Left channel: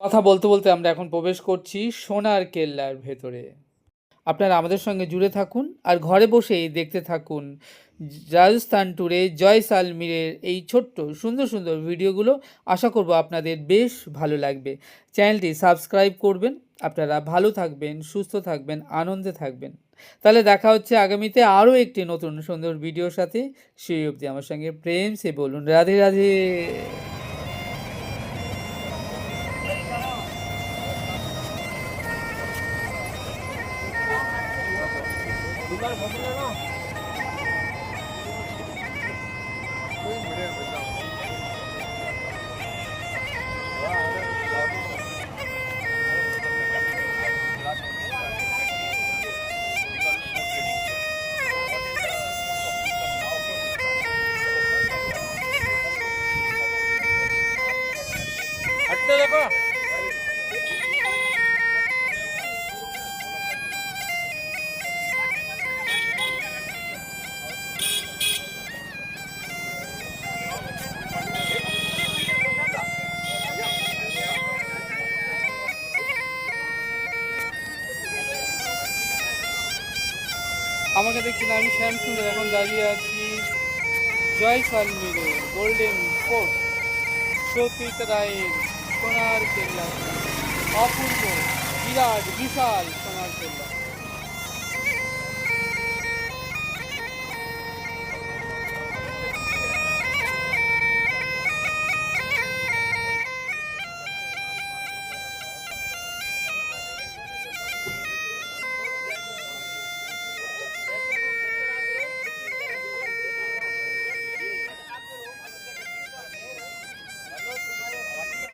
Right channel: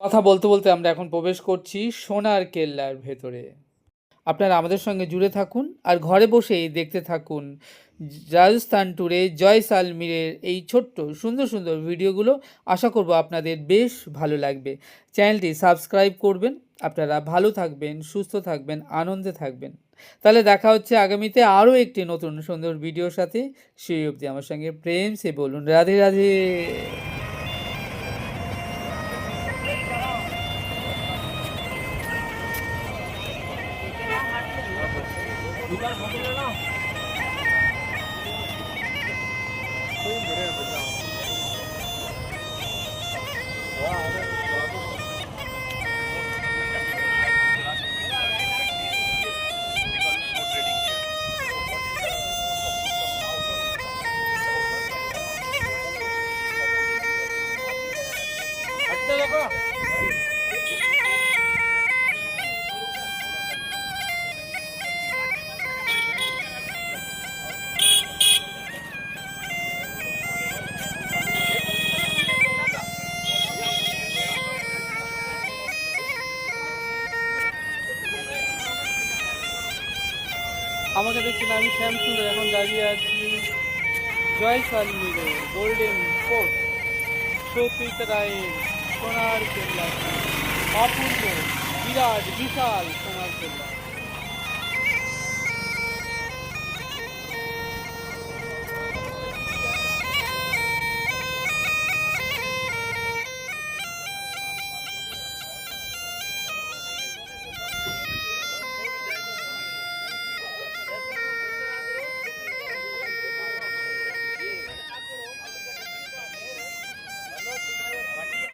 কথা বলতে বলতে আমরা এখন প্রবেশ করছি সোনার কেল্লার ভেতরে। আপনারা আমাদের সঙ্গে জুড়ে থাকুন আর ঘরে বসেই দেখতে থাকুন রাজস্থান ট্যুরে জয়সালমীরের এই ছোট্ট সুন্দর সুন্দর ভিডিওগুলো। আশা করব আপনাদের বেশ ভালো লাগবে। চ্যানেলটি সাবস্ক্রাইব করবেন। আপনারা ভালো থাকবেন, সুস্থ থাকবেন, আনন্দে থাকবেন। তাহলে দেখা হচ্ছে আগামীতে আরও একটি নতুন সুন্দর ভিডিওর সাথে। সেই অবধি আমার সঙ্গে প্রেম সে বলুন রাধে রাধে। আমাকে দেখছেন, আমি শ্যামসুন্দর এখন দাঁড়িয়ে আছি জয়সালমীরের গোল্ডেন ফোর্ট, সতীত রায়ের সোনার কেল্লা। অপূর্ব, বিরাট, বিশাল সোনার কেল্লা।